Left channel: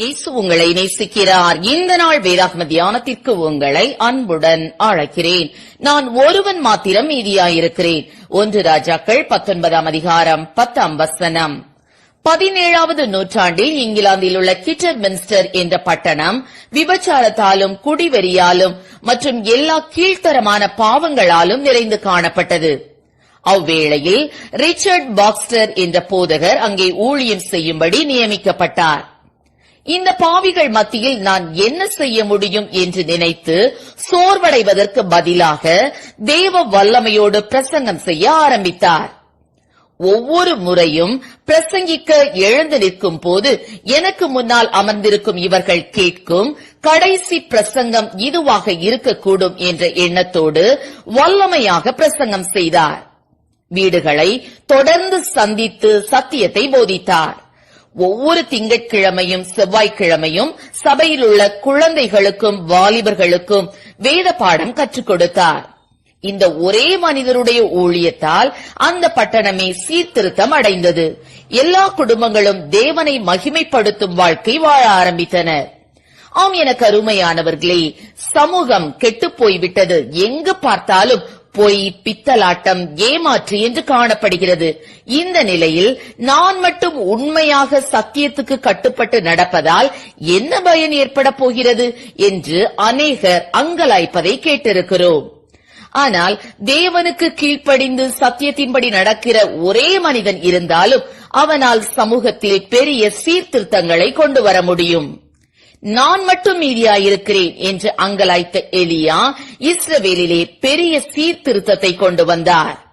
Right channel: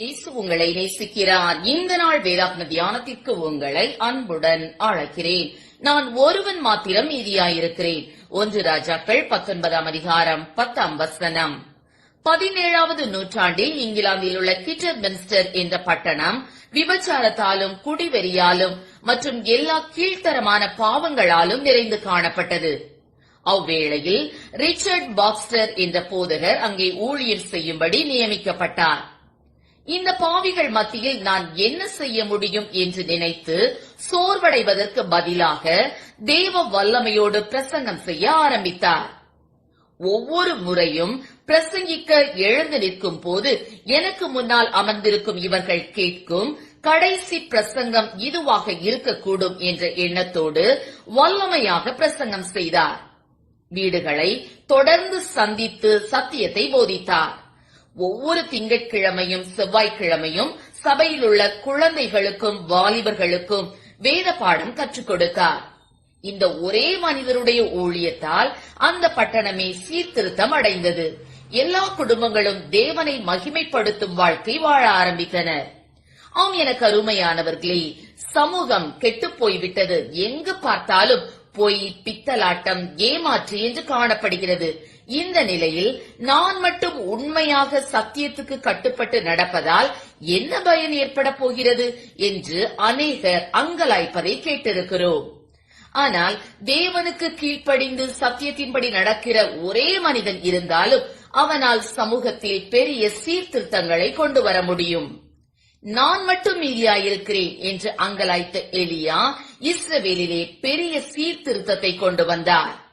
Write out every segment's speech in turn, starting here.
இயேசு உங்களை நேசிக்கிறார். இந்த நாள் வேதாத்ம தியானத்திற்கு உங்களை அன்புடன் அழைக்கிறேன். நான் ஒருவன் மாத்திரம் மீதியாயிருக்கிறேன். ஒன்று ராஜாக்கள் பத்தொன்பதாம் அதிகாரம் பத்தாம் வசனம். பதினேழாவது நூற்றாண்டில் இங்கிலாந்தில் உள்ள கிட்டர் மின்ஸ்டர் என்ற பட்டணம் விபச்சாரத்தாலும் குடிவெறியாலும் மற்றும் எல்லா கீழ்த்தரமான பாவங்களாலும் நிறைந்து காணப்பட்டது. அவ்வேளையில் ரிச்சர்ட் பாக்ஸ்டர் என்ற போதகர் அங்கே ஊழியம் செய்யும்படி நியமிக்கப்பட்டார். இந்த பாவிகள் மத்தியில் நான் என்ன செய்ய முடியும் என்று நினைத்து சோர்வடைவதற்கு பதிலாக தேவ வல்லமையோடு பிரசங்கம் செய்ய ஆரம்பித்தார். ஒவ்வொரு முறையும் பிரசங்கிக்க எழுந்து நிற்கும் போது எனக்கு முன்னால் அமர்ந்திருக்கும் இவர்கள் கேட்கும் கடைசி பிரசங்கம் இதுவாக இருக்கக்கூடும் என்ற எண்ணத்தோடு வல்லமையாக பிரசங்கம் செய்தார். வீடுகளை தொடர்ந்து சந்தித்து சத்தியத்தை போதித்தார். ஒவ்வொரு திங்கட்கிழமையும் செவ்வாய்க்கிழமையும் சபையில் உள்ள குழந்தைகளுக்கும் வாலிபர்களுக்கும் வேத பாடம் கற்றுக் கொடுத்தார். இந்த ஒரே மனிதருடைய ஊழியத்தால் அந்த பட்டணமே சீர்திருத்தம் அடைந்தது. எல்லா குடும்பங்களும் தேவனை மகிமைப்படுத்தும் வாழ்க்கை வாழ ஆரம்பித்தனர். ஆம் எனக்கு அருமையானவர்களே சமூகம் கெட்டுப் போய்விட்டது. எங்கு பார்த்தாலும் பொய் பித்தலாட்டம் ஏமாற்று என்று காணப்படுகிறது. இந்த நிலையில் நான் மட்டும் உண்மையாக சத்தியத்துக்கு கட்டுப்பட்டு நடப்பதால் என்ன பயன் ஏற்பட போகிறது என்று அநேகர் அங்கலாய்ப்பதை கேட்டிருக்கிறோம். ஆனால் தேவனுக்கு கீழ்ப்படிந்து சத்தியத்தின்படி நடக்கிற ஒரே மனிதன் இருந்தாலும் அவனால் சமூகத்தில் பெரிய சீர்திருத்தங்களை கொண்டு வர முடியும். நான் மட்டும் மீதியாயிருக்கிறேன் என்று அங்கலாய்த்த எலியா இஸ்ரவேலிலே பெரிய சீர்திருத்தத்தை கொண்டு வந்தார்.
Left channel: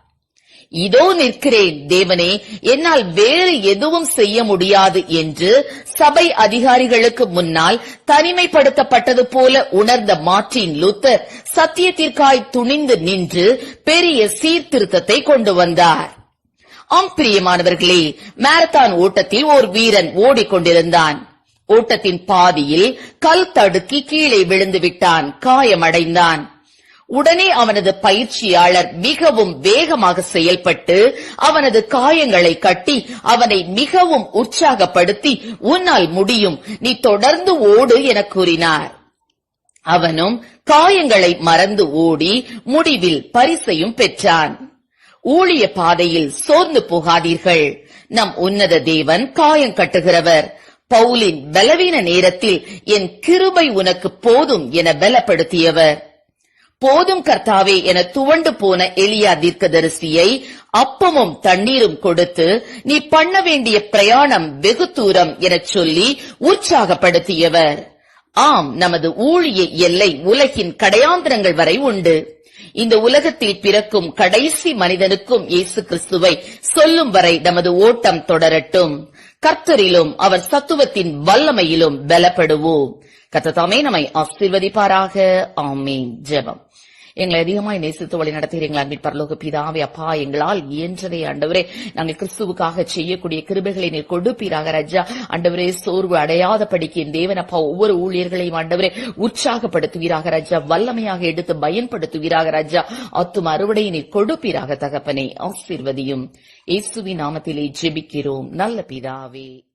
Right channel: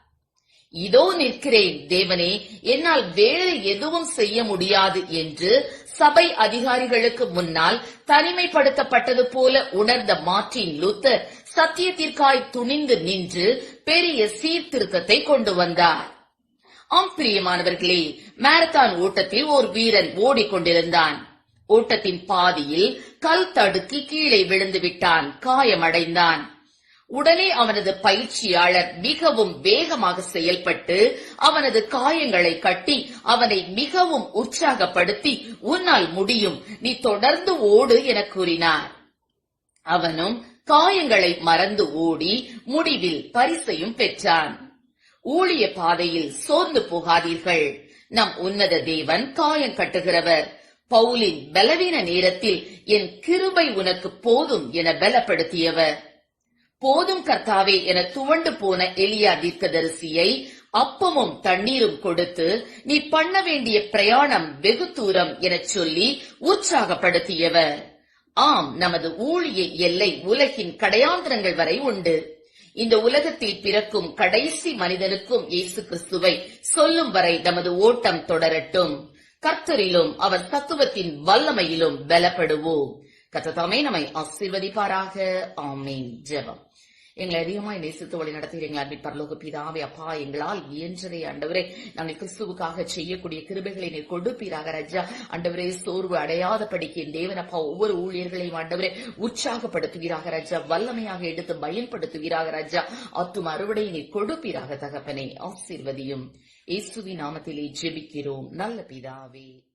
இதோ நிற்கிறேன் தேவனே என்னால் வேறு எதுவும் செய்ய முடியாது என்று சபை அதிகாரிகளுக்கு முன்னால் தனிமைப்படுத்தப்பட்டது போல உணர்ந்த மார்ட்டின் லூத்தர் சத்தியத்திற்காய் துணிந்து நின்று பெரிய சீர்திருத்தத்தை கொண்டு வந்தார். ஆம் பிரியமானவர்களே மாரத்தான் ஓட்டத்தில் ஒரு வீரன் ஓடிக்கொண்டிருந்தான். ஓட்டத்தின் பாதியில் கல் தடுக்கி கீழே விழுந்து விட்டான். காயமடைந்தான். உடனே அவனது பயிற்சியாளர் மிகவும் வேகமாக செயல்பட்டு அவனது காயங்களை கட்டி அவனை மிகவும் உற்சாகப்படுத்தி உன்னால் முடியும். நீ தொடர்ந்து ஓடு என கூறினார். அவனும் காயங்களை மறந்து ஓடி முடிவில் பரிசையும் பெற்றான். ஊழிய பாதையில் சோர்ந்து போகாதீர்கள். நம் உன்னத தேவன் காயம் கட்டுகிறவர். பவுலின் பலவீன நேரத்தில் என் கிருபை உனக்கு போதும் என பலப்படுத்தியவர். போதும் கர்த்தாவே என துவண்டு போன எலியா தீர்க்கதரிசியை அப்பமும் தண்ணீரும் கொடுத்து நீ பண்ண வேண்டிய பிரயாணம் வெகு தூரம் எனச் சொல்லி உற்சாகப்படுத்தியவர். ஆம் நமது ஊழிய எல்லை உலகின் கடையாந்திரங்கள் வரை உண்டு. இந்த உலகத்தில் பிறக்கும் கடைசி மனிதனுக்கும் இயேசு கிறிஸ்துவை சொல்லும் வரை நமது ஓட்டம் தொடரட்டும். கர்த்தரிலும் அவர் சத்துவத்தின் வல்லமையிலும் பலப்படுவோம். கத்ததாமே நம்மை ஆசீர்வதிப்பாராக. ஆமீன். ஜெபம். எங்களை அதிகமாய் நேசித்து வழி நடத்துகிறீங்களா அன்பின் பரலோக பிதாவே. அப்பா எங்களால் இயன்றதை ஆண்டவரே நாங்கள் கிறிஸ்துவுக்காக செய்யக்கூடிய கிருபைகளை நீர் கொடுப்பீராக ராஜா. ஆண்டவரே சோர்வு அடையாத படிக்கு என் தேவன் அப்பா ஒவ்வொரு ஊழியர்களையும் ஆண்டவரே உற்சாகப்படுத்துவீராக ராஜா. வல்லமையாக எடுத்து பயன்படுத்துவீராக ராஜா. அத்தும் அறுவடையை நீர் கொடுப்பீராக தகப்பனை. ஆசீர்வதியும். இயேசுவின் நாமத்திலே ஜெபிக்கிறோம். நல்ல பிதாவே.